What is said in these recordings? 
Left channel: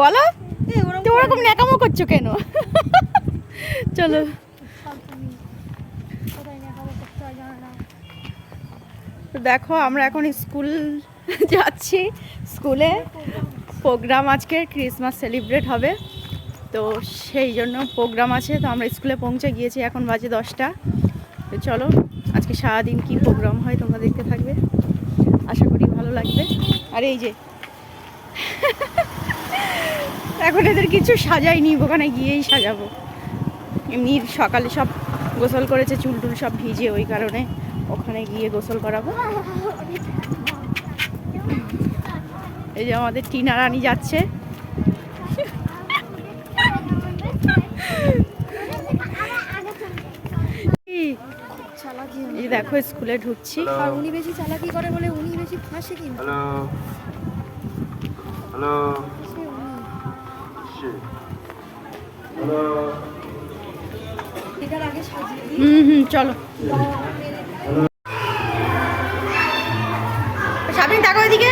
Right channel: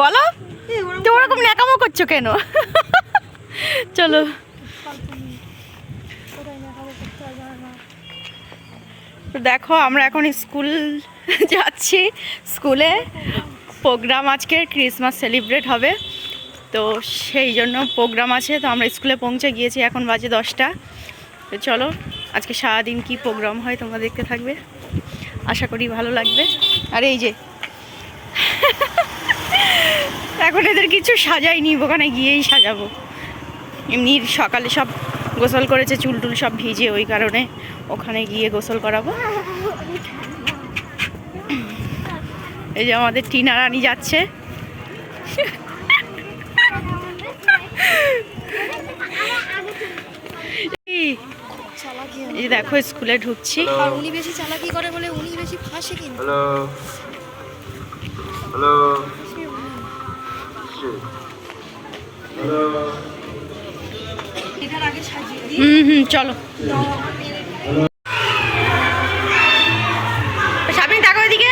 বলো তো ওরকম ন্যাকামো করছো কেন? চলো দেখো আমরা এখন স্কুল যাচ্ছি। স্কুলে প্রোগ্রাম, আজকে ক্রিসমাস সেলিব্রেট হবে, তো সেই জন্য প্রোগ্রাম আছে। তো আমরা স্কুলে পৌঁছে গিয়েছি, এখন বাজে 10টা। তো চলো আজকে সারাদিন কি প্রোগ্রাম হয় তোমরা দেখতে থাকবে, আশা করি ভালো লাগবে। আর এই যে এখন এদের কিছু সাজাইনি, ওখানে গিয়েই সাজাবো। এমনি সকালে সব গোসল করেছে, চুল টুল সব ভিজে, ওই কারণে ওখানে গিয়ে গোসল করাবো। এই যে আমাদের টিনা রানী যাচ্ছে। এই দেখো স্কুলে ঢুকছি। আর উনি বেশি চালাকি করে বলে উনি বেশি ফাঁসে কিন্তু। হ্যালো এটার আগে সাজিয়ে দিই। চলো সাবরিন দেখো এদিকে।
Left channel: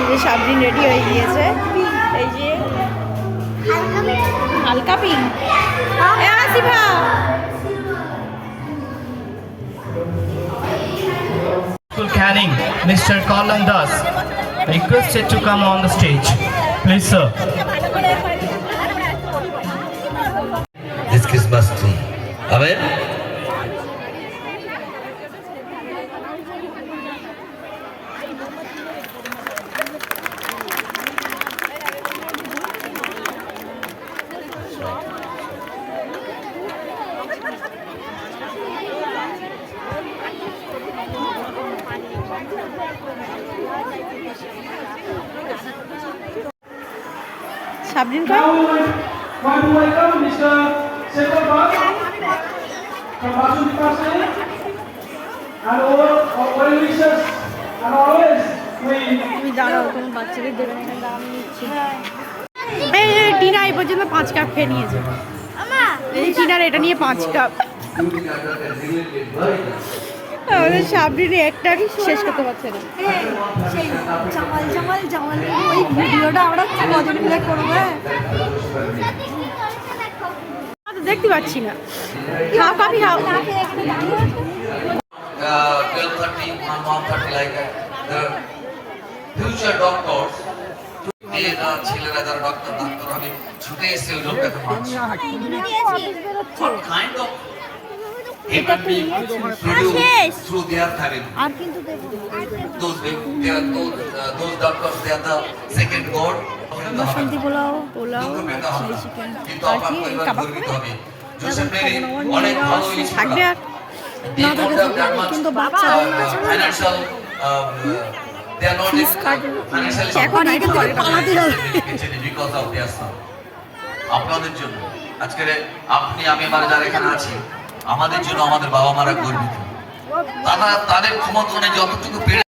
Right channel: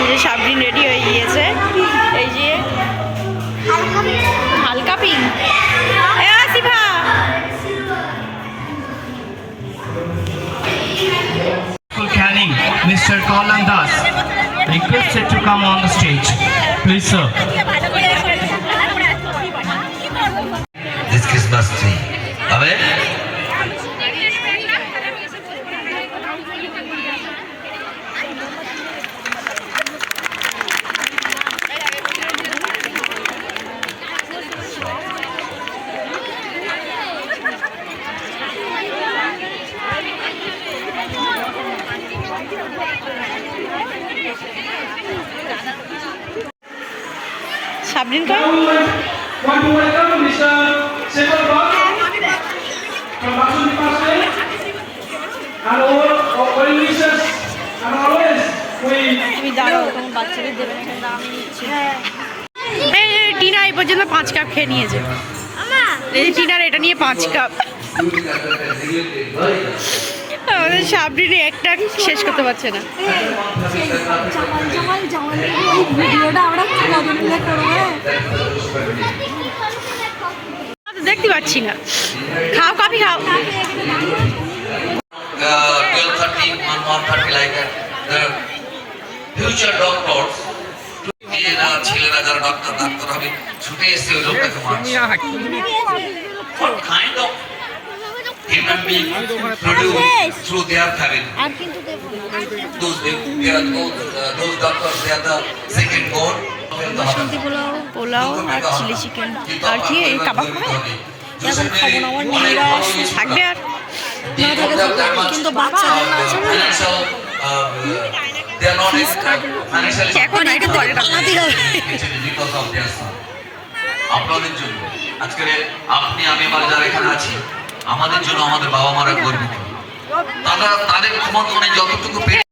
এই যে সাবরিন রেডি হয়ে গিয়েছে, এই যে হালকা পিঙ্ক। Asifa Canning, Mr. Colin Das, requested to come on the stage. Please, sir. This Christmas tree. Amen. Sabrin কর। তুমি দাঁড়াও, তোমার বাচ্চাদের দেবে না, কিন্তু আমি নিচ্ছি। এই টিনা এই পর্যন্ত 5 কাপ খেয়ে নিয়েছে। এই টিনার এটা নিয়ে 5 কাপ। আমাদের সাবরিনে একটা শেষ করতে পারছে না। ওই ভিডিওটা আমরা কজন মিলে করবো? দেখতে পাচ্ছি না। খাও, কফি খাও। 12:30, 1:30 like that. The future doctors, ছেলেরা যারা ডাক্তার হবে ছুটে এসে ওই লোকটাকে মারছে। What kind of human being produced through their family? Those doctors, they are the second god. Pulao আর চিলি চিকেন আর কি এই কাবাব খাবে? এখন খাবো না, আমার মেয়েরা থাকবে। আর কিন্তু বাচ্চাদের financial they are not financially এখন এটা পরে পালাতে হবে। because of their son. আপনাদের জন্য আজকের আপনি আমি আমরা যারা এখানে আছি, আমাদের জন্য আমাদের বাবা মারা গর্বিত। তারা তাদের ক্ষমতা অনুযায়ী যতটুকু পেরে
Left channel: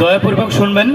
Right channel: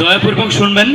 দয়াপূর্বক শুনবেন।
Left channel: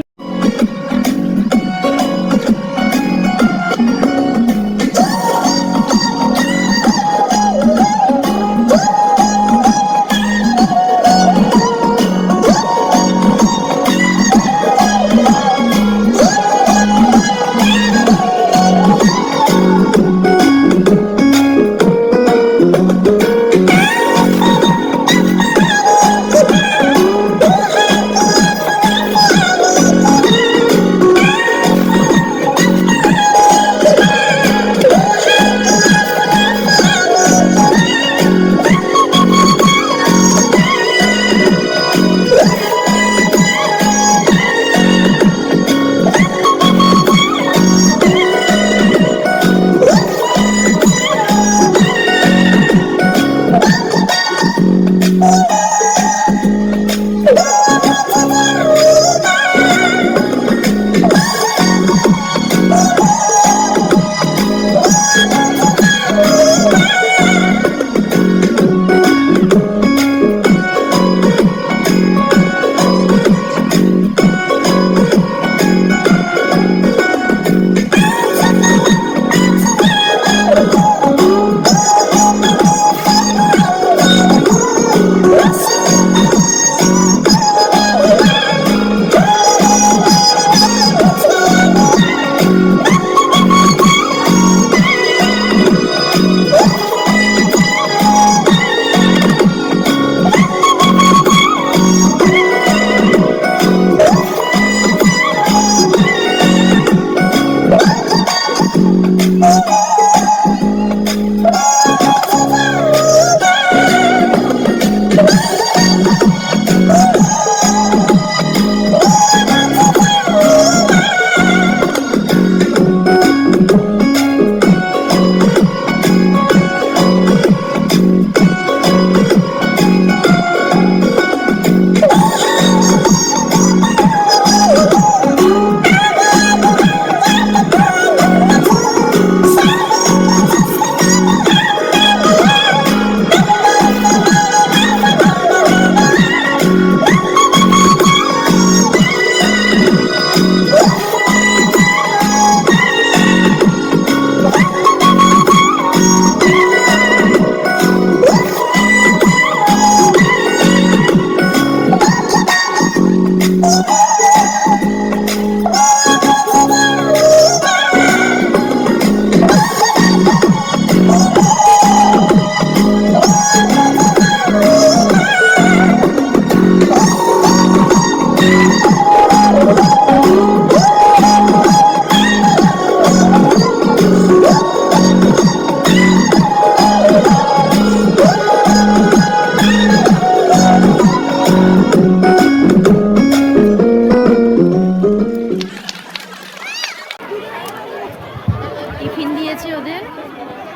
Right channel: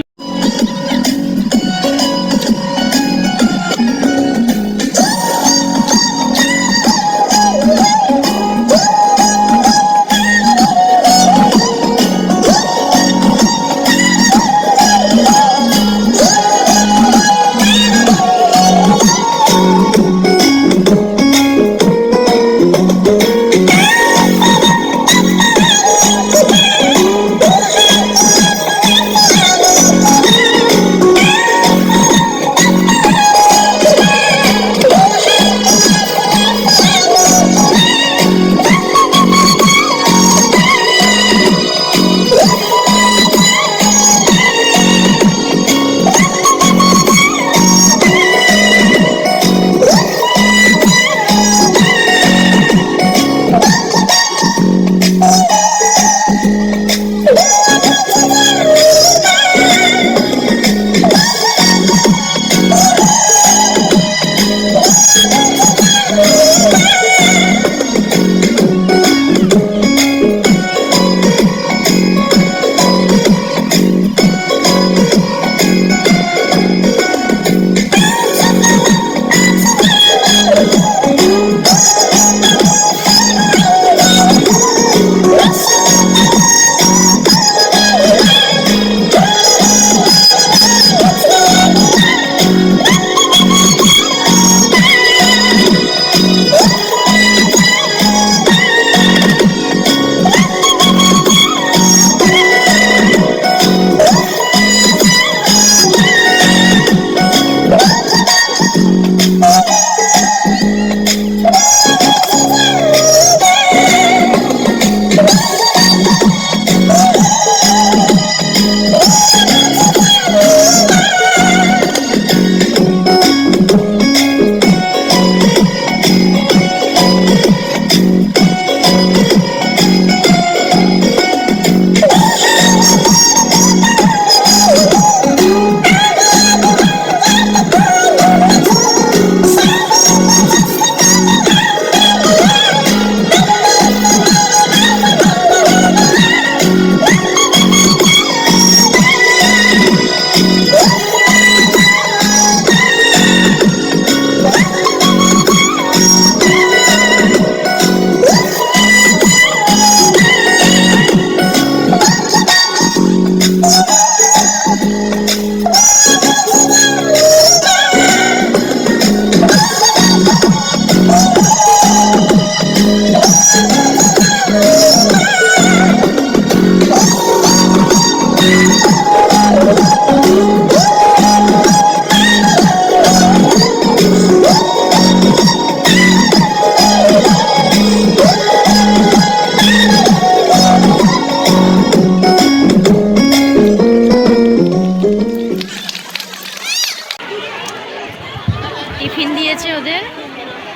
টিফিন দিয়েছে ওদের,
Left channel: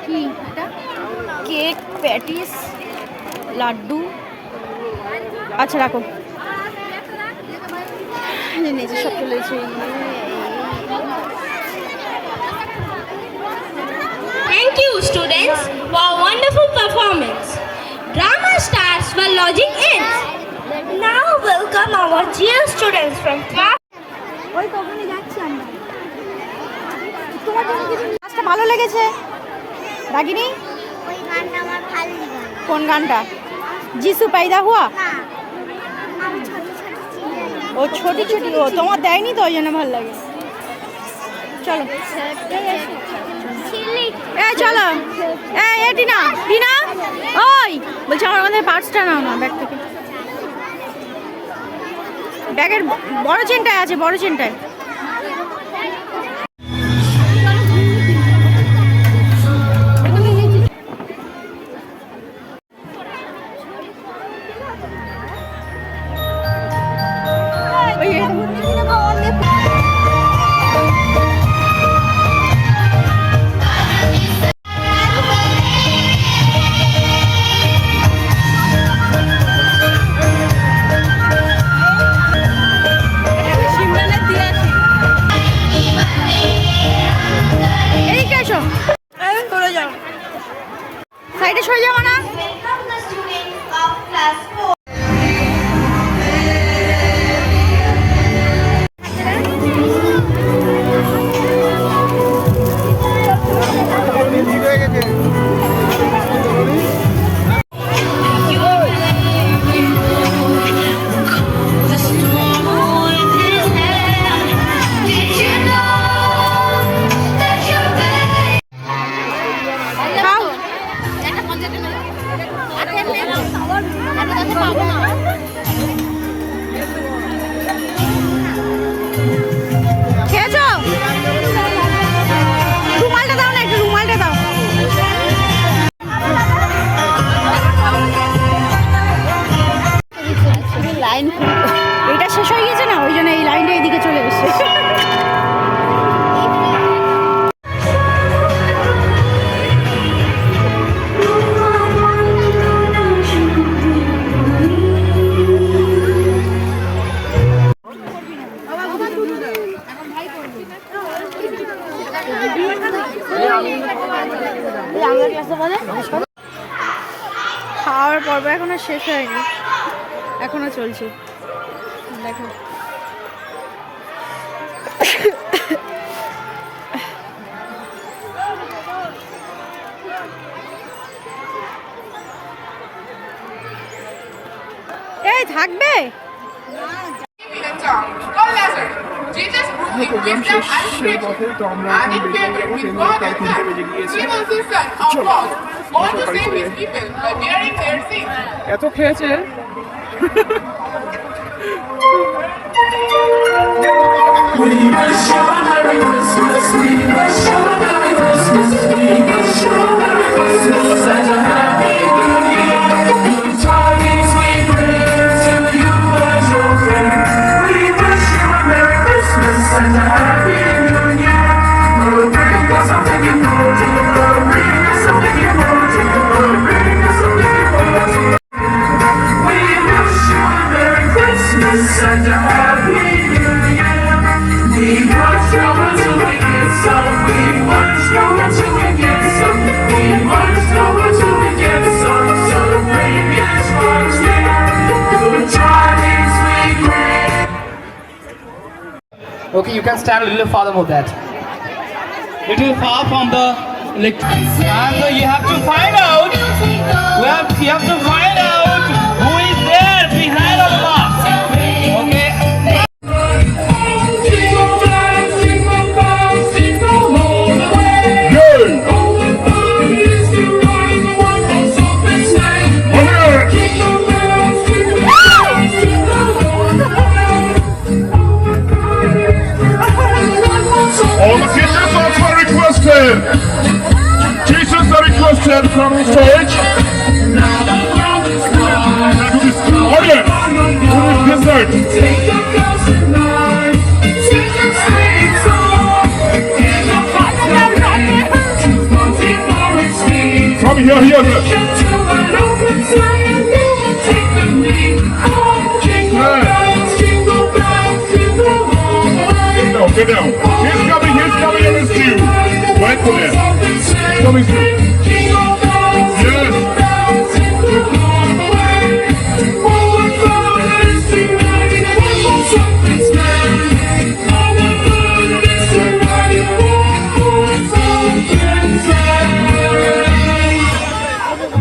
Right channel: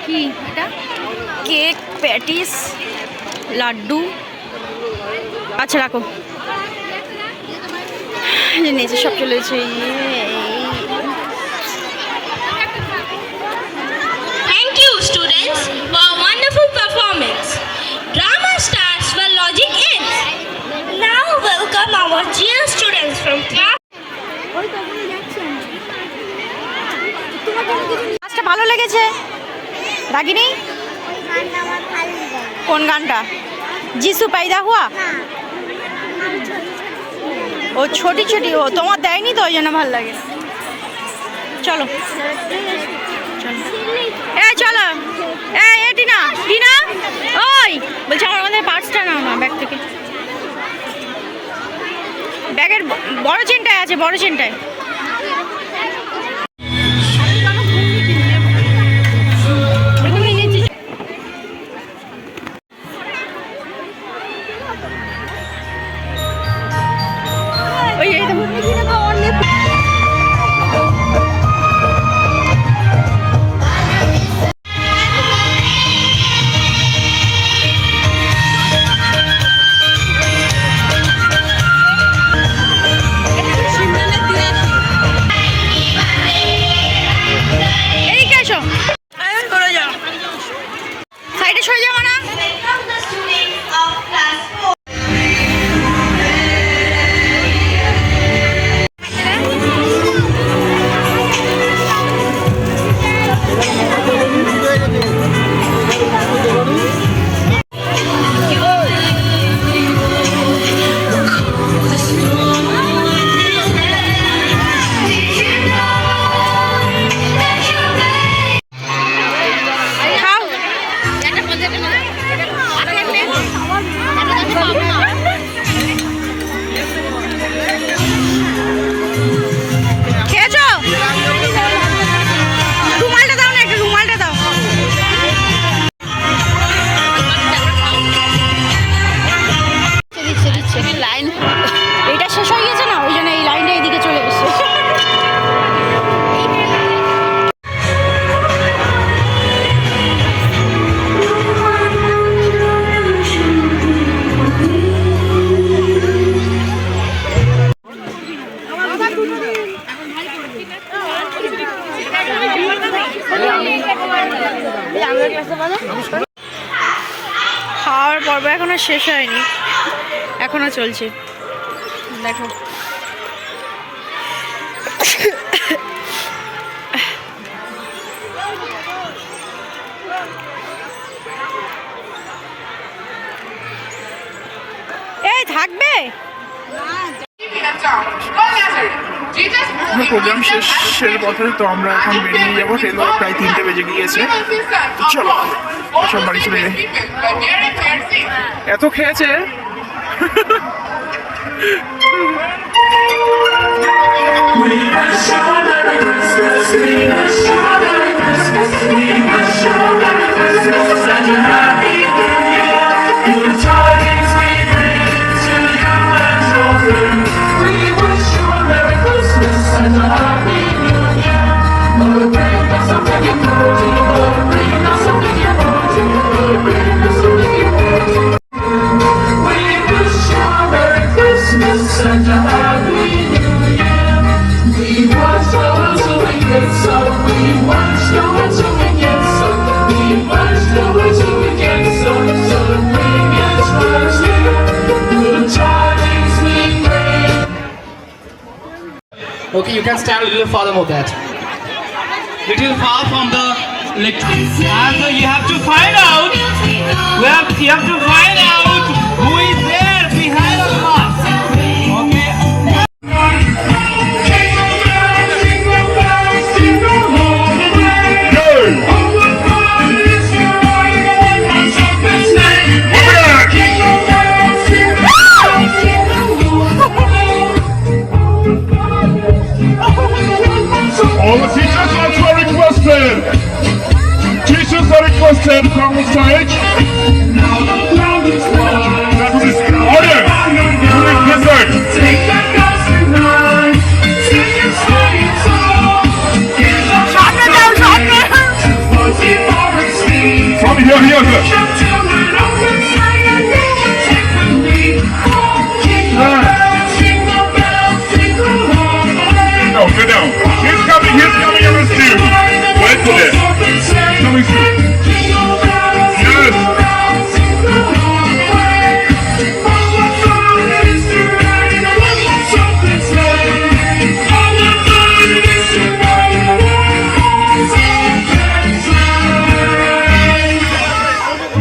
কি এটা কেক, প্যাটিস, লাড্ডু। আচ্ছা রাখো, নিচে সব চলে গেছে। Thank you, students, for a wonderful performance. Drama starts when logic ends. Now welcome our dear students from class. আচ্ছা ভালো লেগেছে রাগিনী? কোন গানটা? যিশু पैदा हुआ? ও ছোটি ছোটি, ও তোমার দেয়নি তো ওই জন্য ভালো লাগে। চলো এই চলো, এই টিনা, টিনা ওই বলছি আমার মধ্যে পার্সটা নাও না ব্যাগ থেকে। ব্যাগের বড় চেনটায় আছে, বড় চেনটায়। সিমলা দিয়ে আসি। খেয়েছো? রুমালটা দাও না, একটু রুমালটা দাও। লাইন এটা শেষ হয়ে গেছে না, ওই জন্য এই লাইনটা এইদিকে চলে এসছে। খাওয়ার পর্ব এখনো শেষ হয়নি, এখনো চলছে। দেখো এই থাকবে। প্রোগ্রাম শেষের পথে তো আমরা এখন বেরিয়ে যাবো, ট্রেন প্রায় 3টে বেজে গিয়েছে। চলো সব বাড়ি চলে যাই। এত খেয়েছে Okay, you can stand a little farther more that. Little far from the and you have to find out. You have to find out who is there behind the box. Okay. all the teachers are requested. Teachers are requested from the stage. Audience, this side. From here. No, get down. He's coming, against you. Wednesday. Coming soon. Yes.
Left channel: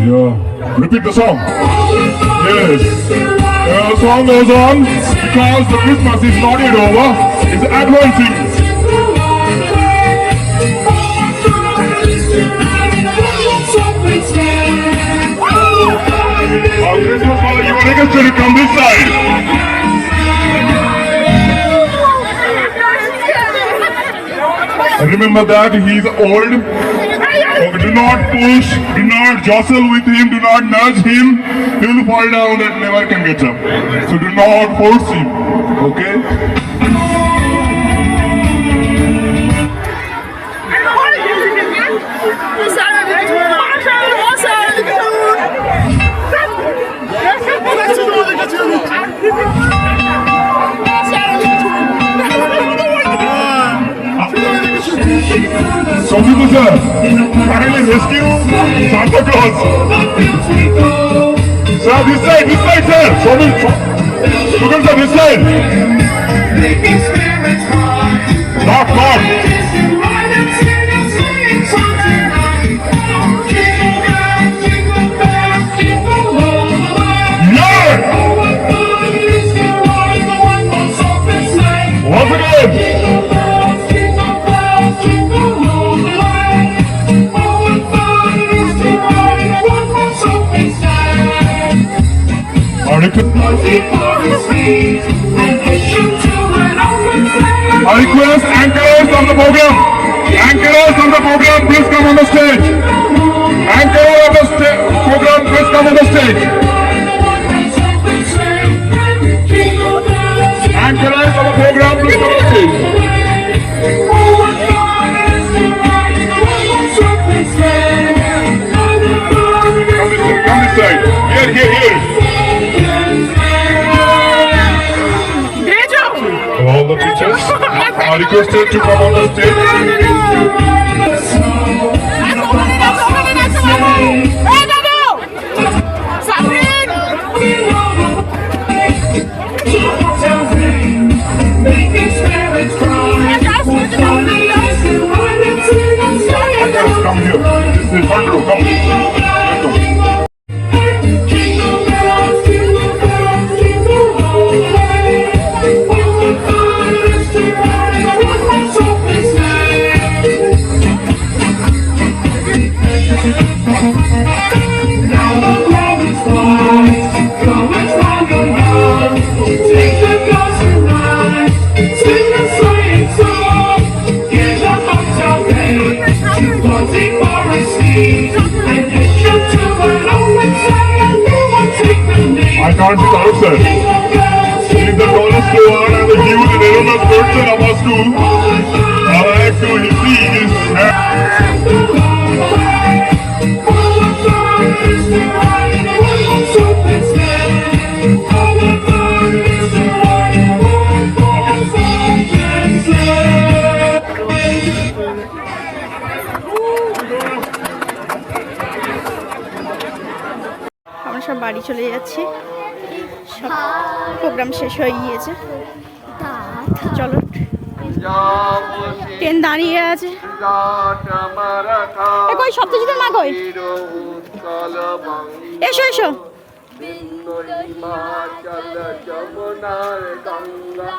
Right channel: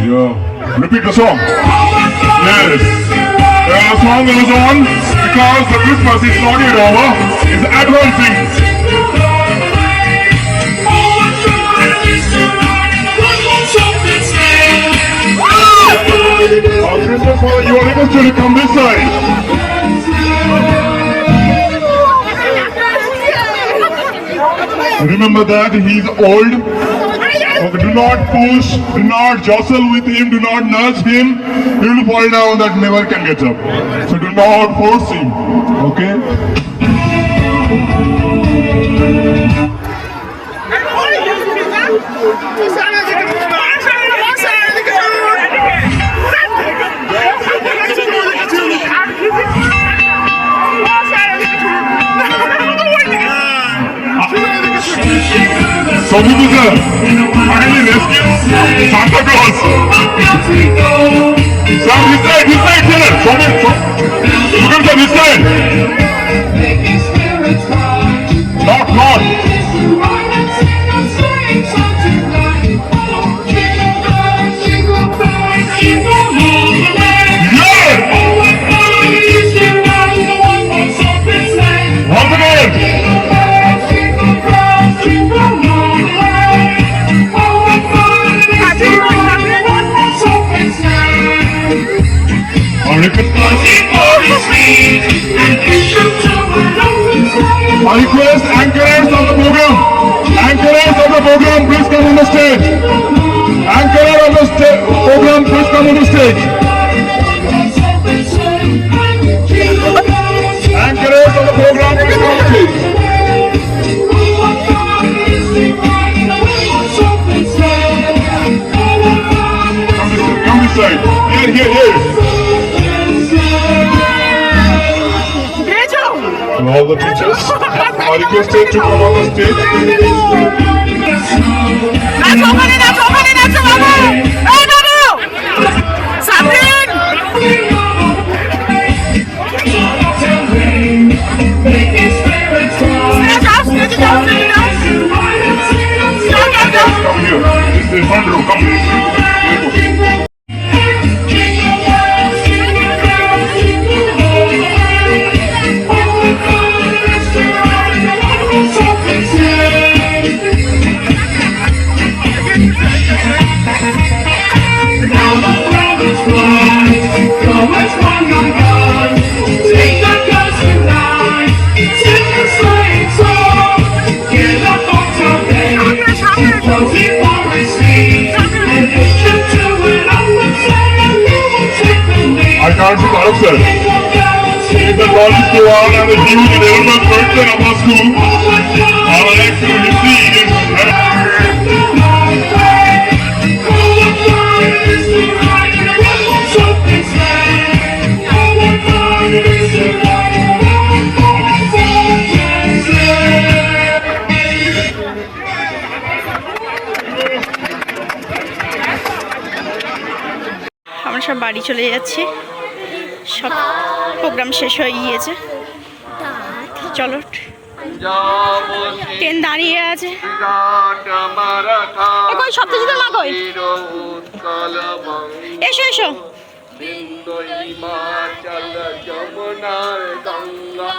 Yo, repeat the song. Yes. The song goes on because the Christmas is not yet over. It's advancing. Christmas father, you are requested to come this side. Remember that he is old. Okay, do not push, do not jostle with him, do not nudge him. He will fall down and never can get up. So do not force him. Okay? So people sir, finally rescue Santa Claus. Sir, this side, sir. Sorry, Sugar sir, this side. Not. Once again. Keep on your feet and I request anchors of the program. Anchors of the program, please come on the stage. Anchor of the program, please come on the stage. Anchors of the program, please come on the stage. Come this side. Here. All the teachers are requested to come on the stage. Come here. This is front row. Come. I can't see the answer. If the college go on and the new development person of our school, all I actually see is আমরা সব বাড়ি চলে যাচ্ছি, সব প্রোগ্রাম শেষ হয়ে গিয়েছে। চলো, ট্রেন দাঁড়িয়ে আছে। কই সপ্তজিতের মা কই? এসো এসো। হিমাচল যমুনার গঙ্গা